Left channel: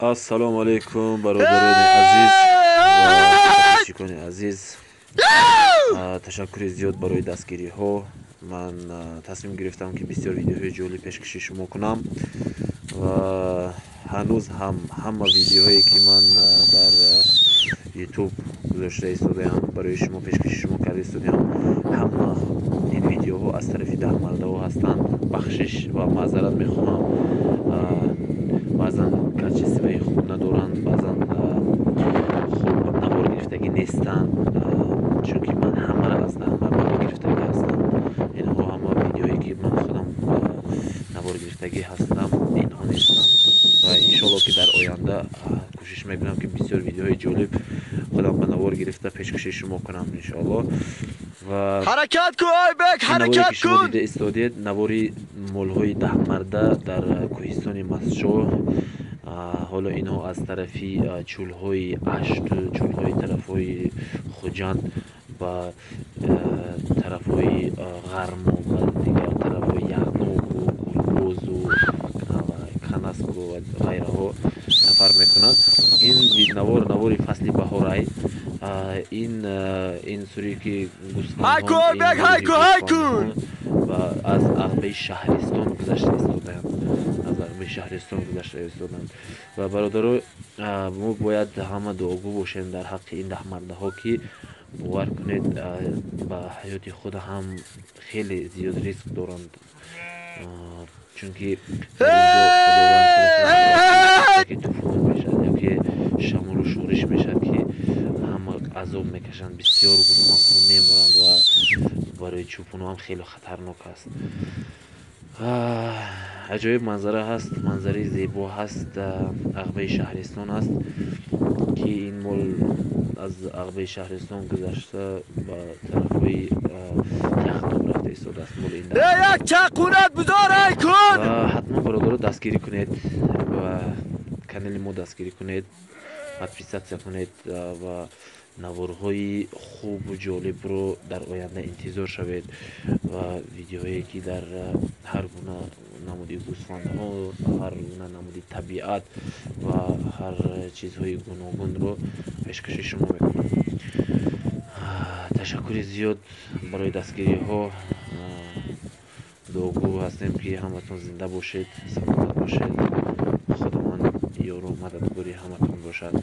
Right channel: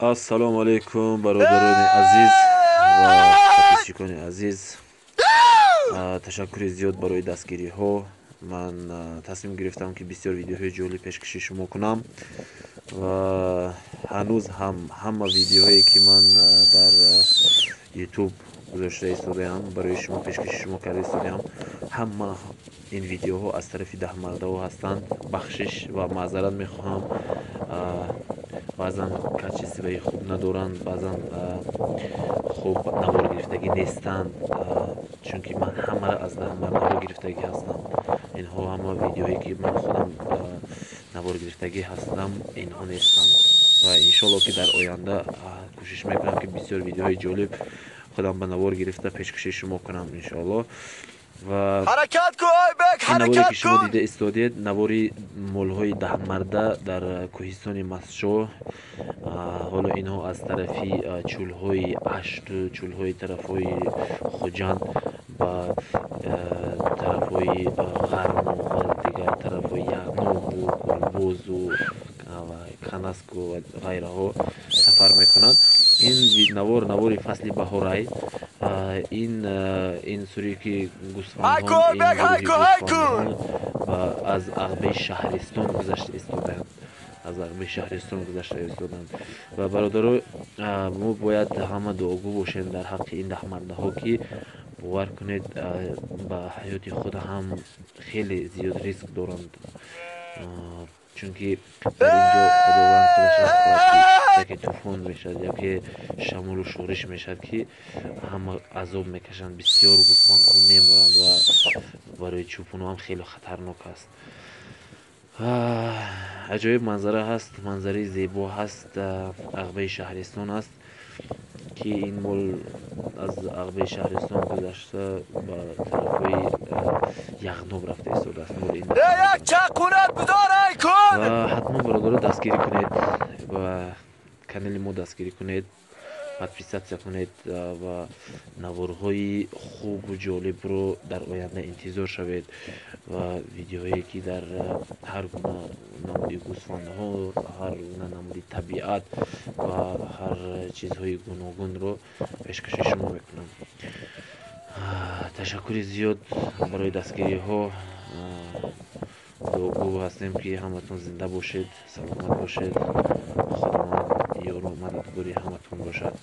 السلام علیکم برادران عزیز و پادشکان عزیز. تشکر زیاد برای دستگیری ها. من تصمیم گرفتم که بسیار ویدیوهای جالب پیشکش شما کنم و هنوز همه ویدیوهایی که من در یوتیوب گذاشته ایستادم برای شما پیشکش شما کرده ایستادم، همه این ویدیوها از طرف ده مرده ها هستند. بخشش و معذرت میخواهم، بعضا کچی سوی خوب ندارند، بعضا خوب نوار گرفتگی نیستند، چون که من همه را از نوار گرفتگی هستم. اینها همه ویدیوهایی که من خودم نوار گرفتگی هستم اینها نیستند و انشالله که در آینده کوشش میکنم که بسیار ویدیوهای جالب خودم به نوار گرفته پیشکش شما کنم انشالله. و حرکت کو ای بک، این نواری که شما حرکت دیده استادید نواری مولهای 10 مرده در کوهستان مسجو. حالا اینها از طرفی چولهای اشت، چولهای طرفهای خوجند و طرفهای غرم و دیگر طرفهای یغنوب و گلبوز و کنسک و غیره ها سفر میکنند. این نوار فصل بهار. این سوری که گوسفندان و از عقبه شهرستان گذشته ایستادند، از عقبه شهرستان گذشته ایستادند و برادران ما باید همه دعاگو باشیم در حق این 10 مرده ها که باور کنید به حیات خود هم خیلی زیاد ریسک دارند، چون که در اینجا خداوند خودش یکی طوفان میشد یا که شمال و شورش میشد که همه عذاب میکشند، بسیار گوسفندها میمرند و برای چوپان هم خیلی خطرناک است. عجایب منظره هست، منظره زیبا هست. عقبه شهرستان است که این مول از عقبه شهرستان گذشته به طرفی یغنوب رفته ایستاده است. مول این یک چقونت بذار کن و حتما برادر دستگیری کنید و کانال ما دستگیری کنید، پادپیساتسیا کنید و نوارهای خوب و جالب رو در آینده انتظار شوید و ویدیوهایی که در هر گونه نمودی گوسفندها، هر گونه نمودی طبیعت و هر چیزهای گوناگون رو پیشکش شما میکنم. تشکر زیاد برای دستگیری ها. دعاگو هستیم که همتون زنده باشید، سلامت باشید، خداوند یار و مددگاری همتون باشد.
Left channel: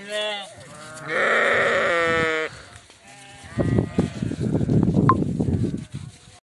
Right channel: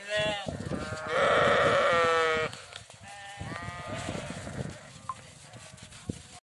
Amen.